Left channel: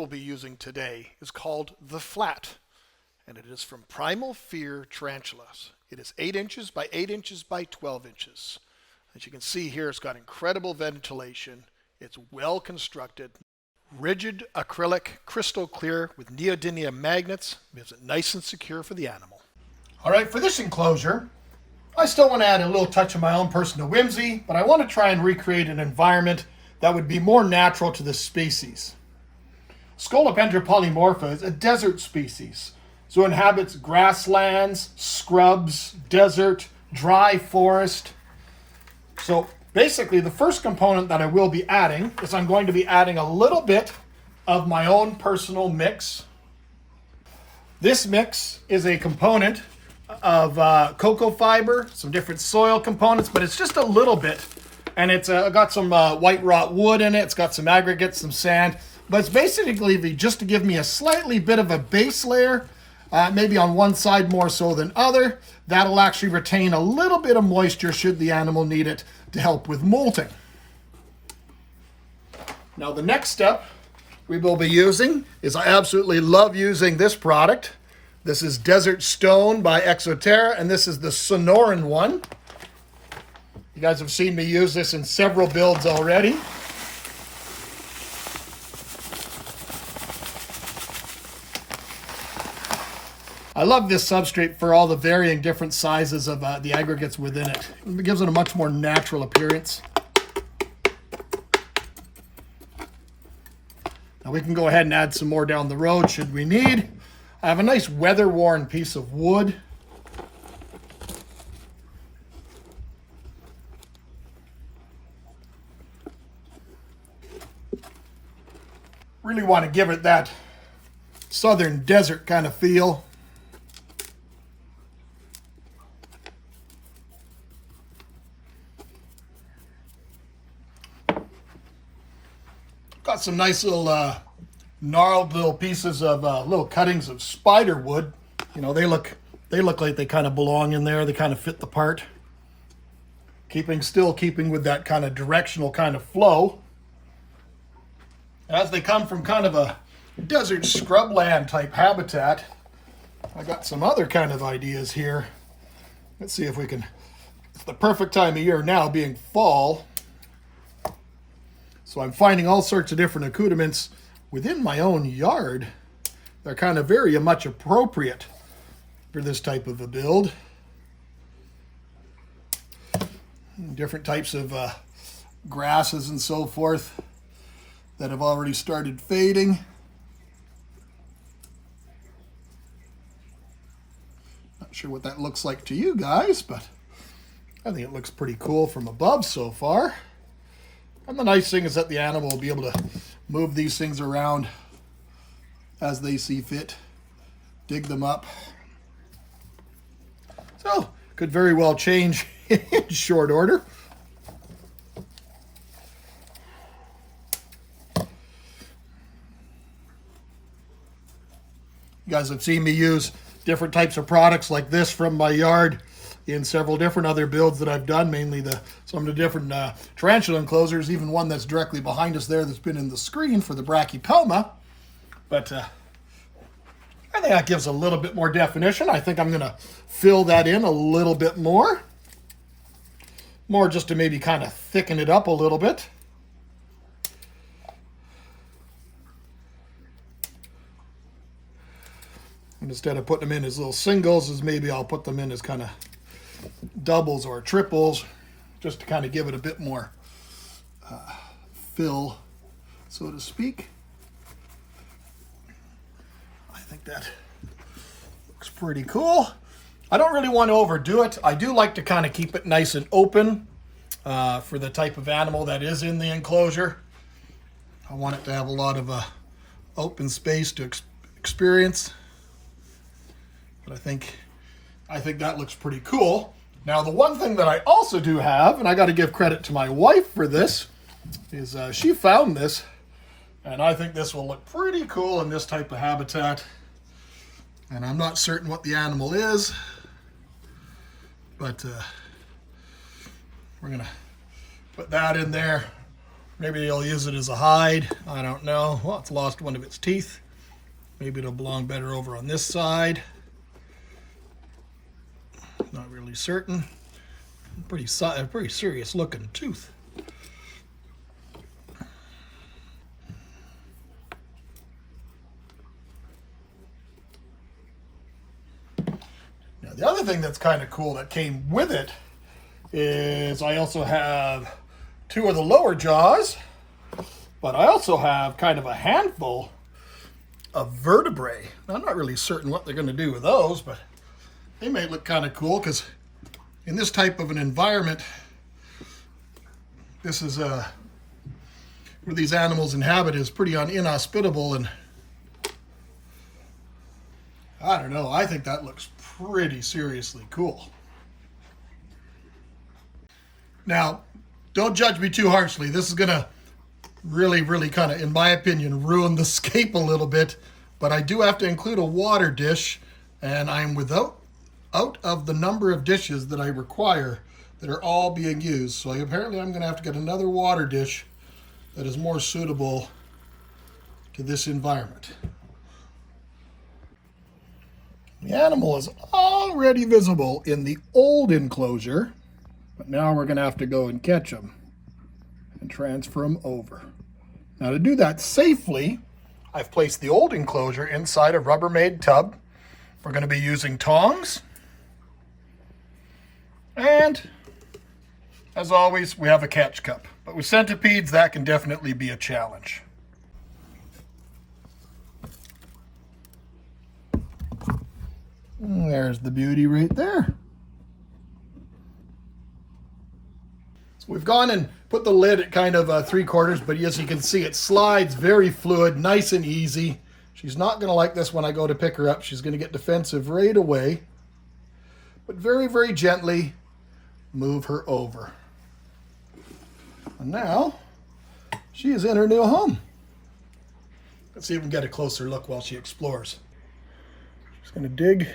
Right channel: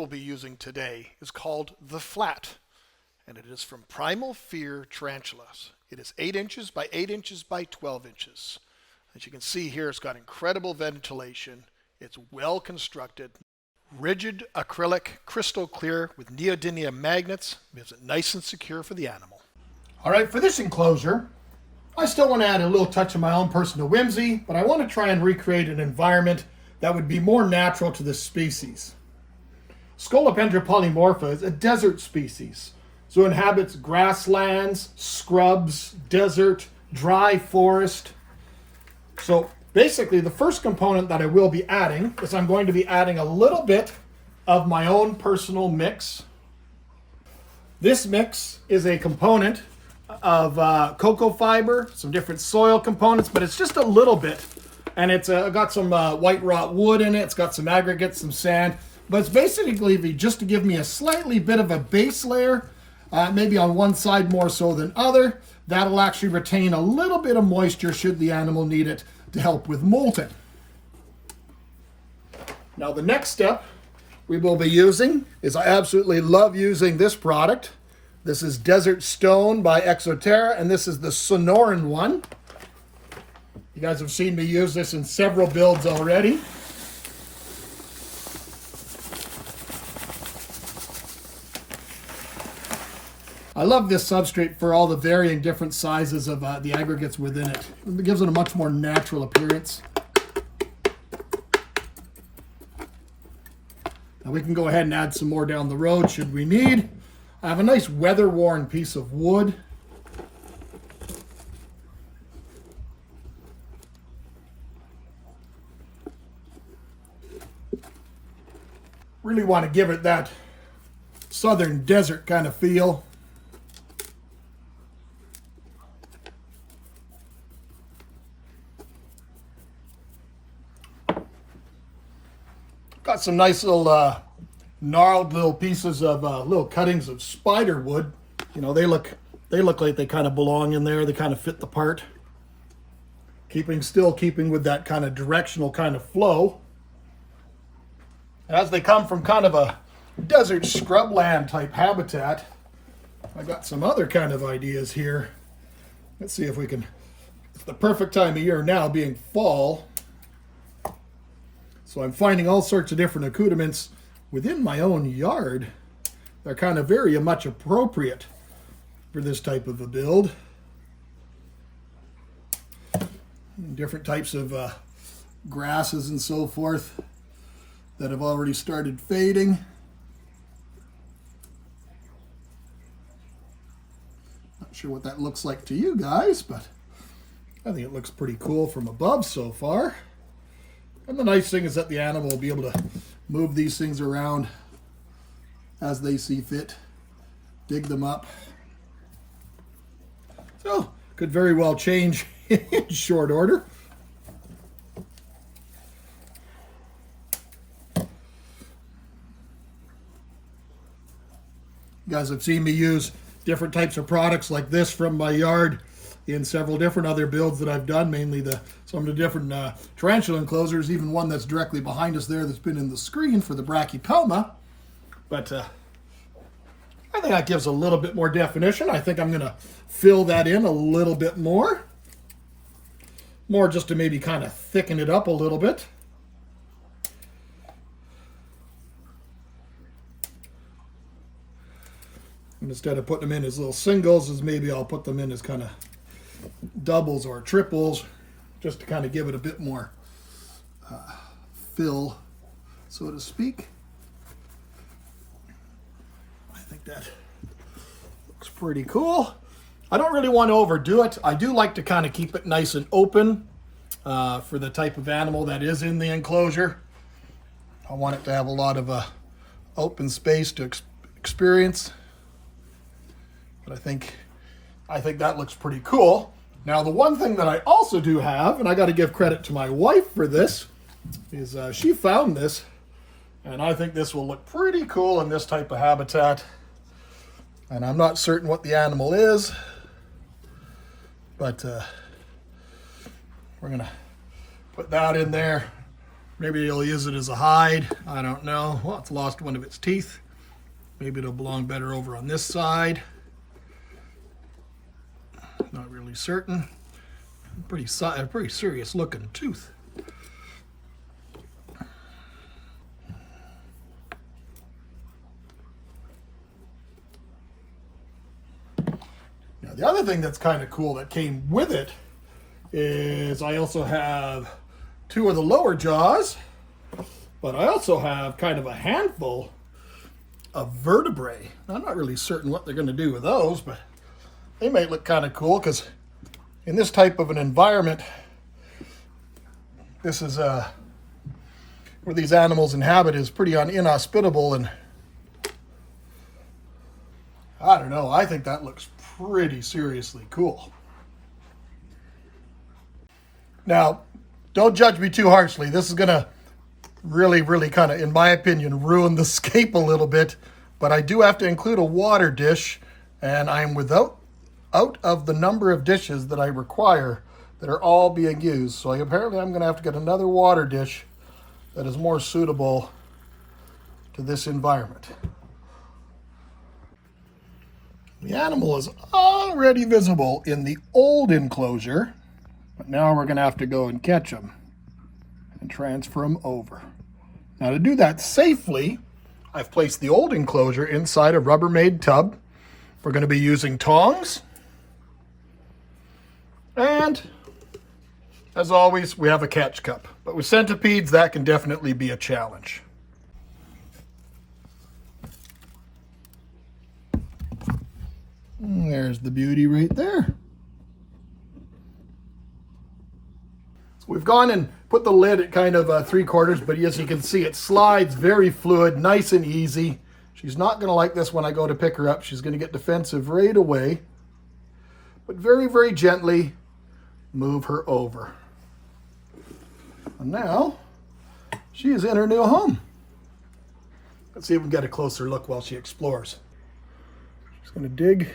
we'll be using today is called the Flat, and it is from Primal Fear Tarantulas. It is 8 inches by 8 inches by 12 inches. As you can see here, it's got incredible ventilation. It's well constructed. Rigid acrylic, crystal clear with neodymium magnets. Makes it nice and secure for the animal. All right, for this enclosure, I still want to add a little touch of my own personal whimsy, but I want to try and recreate an environment that would be more natural to this species. Scolopendra polymorpha is a desert species, so it inhabits grasslands, scrubs, desert, dry forest. So basically, the first component that I will be adding is I'm going to be adding a little bit of my own personal mix. This mix is a component of cocoa fiber, some different soil components, but it's just a little bit. And it's got some white wrought wood in it. It's got some aggregates, some sand. But it's basically just to give me a slightly bit of a base layer, maybe on one side more so than other. That'll actually retain a little bit of moisture should the animal need it to help with molting. Now the next step we will be using is, I absolutely love using this product. This is Desert Stone by Exoterra, and this is the Sonoran one. You guys have seen me use this in several builds already. I love this substrate for all the varying different sizes of the aggregates within it. It gives it a much more natural appearance. Now we can go ahead and add some more down the road should we need. I have a nice weather-worn piece of wood. Really want to give it that southern desert kind of feel. Got some nice little gnarled little pieces of little cuttings of spider wood. You know, they look like they kind of belong in there. They kind of fit the part. Still keeping with that kind of directional kind of flow. As they come from kind of a desert scrubland type habitat, I got some other kind of ideas here. Let's see if we can, it's the perfect time of year now being fall. So I'm finding all sorts of different accoutrements within my own yard. They're kind of very much appropriate for this type of a build. Different types of grasses and so forth that have already started fading. Not sure what that looks like to you guys, but I think it looks pretty cool from above so far. And the nice thing is that the animal will be able to move these things around as they see fit, dig them up. So, could very well change in short order. You guys have seen me use different types of products like this from my yard in several different other builds that I've done, mainly some of the different tarantula enclosures, even one that's directly behind us there that's been in the screen for the brachypelma. But I think that gives a little bit more definition. I think I'm going to fill that in a little bit more. More just to maybe kind of thicken it up a little bit. And instead of putting them in as little singles, maybe I'll put them in as kind of doubles or triples, just to kind of give it a bit more fill, so to speak. I think that looks pretty cool. I don't really want to overdo it. I do like to kind of keep it nice and open for the type of animal that is in the enclosure. I want it to have a lot of open space to experience. But I think that looks pretty cool. Now, the one thing that I also do have, and I got to give credit to my wife for this, is she found this, and I think this will look pretty cool in this type of habitat. And I'm not certain what the animal is, but we're going to put that in there Maybe they'll use it as a hide. I don't know. Well, it's lost one of its teeth. Maybe it'll belong better over on this side. Not really certain. Pretty serious looking tooth. Now the other thing that's kind of cool that came with it is I also have two of the lower jaws, but I also have kind of a handful of vertebrae. I'm not really certain what they're going to do with those, but they may look kind of cool because in this type of an environment, this is where these animals inhabit is pretty inhospitable, and I don't know, I think that looks pretty seriously cool. Now, don't judge me too harshly. This is going to really kind of, in my opinion, ruin the scape a little bit, but I do have to include a water dish, and I'm out of the number of dishes that I require that are all being used. So apparently I'm going to have to get another water dish that is more suitable to this environment. The animal is already visible in the old enclosure, but now we're going to have to go and catch them and transfer them over. Now to do that safely, I've placed the old enclosure inside a Rubbermaid tub. We're going to be using tongs. And as always, we have a catch cup. But with centipedes, that can definitely be a challenge. And there's the beauty right there. So we've gone and put the lid at kind of 3/4, but as you can see, it slides very fluid, nice and easy. She's not going to like this when I go to pick her up. She's going to get defensive right away. But very gently move her over. And now she is in her new home. Let's see if we can get a closer look while she explores. She's going to dig,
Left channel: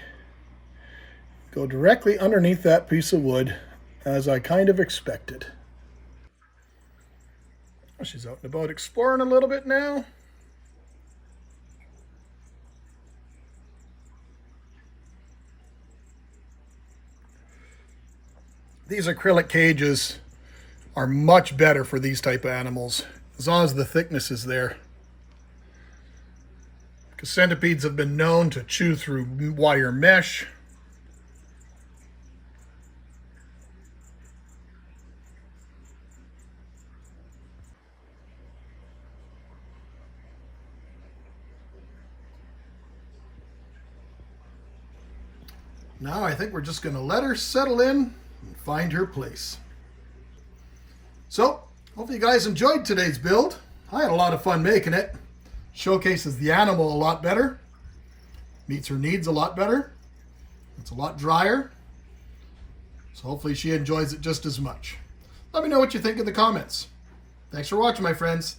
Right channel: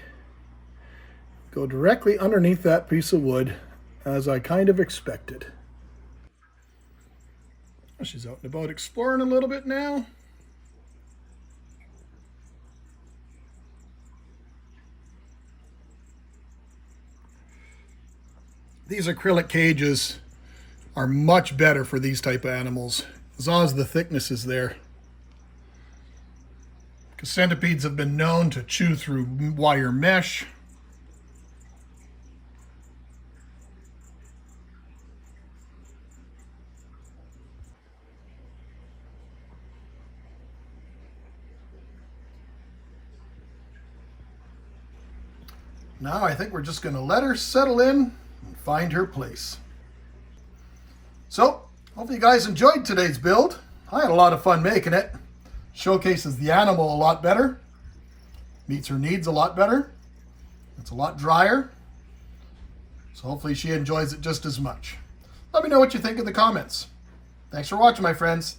go directly underneath that piece of wood, as I kind of expected. She's out and about exploring a little bit now. These acrylic cages are much better for these type of animals, as long as the thickness is there. Because centipedes have been known to chew through wire mesh. Now I think we're just going to let her settle in and find her place. So, hopefully you guys enjoyed today's build. I had a lot of fun making it. Showcases the animal a lot better. Meets her needs a lot better. It's a lot drier. So hopefully she enjoys it just as much. Let me know what you think in the comments. Thanks for watching, my friends.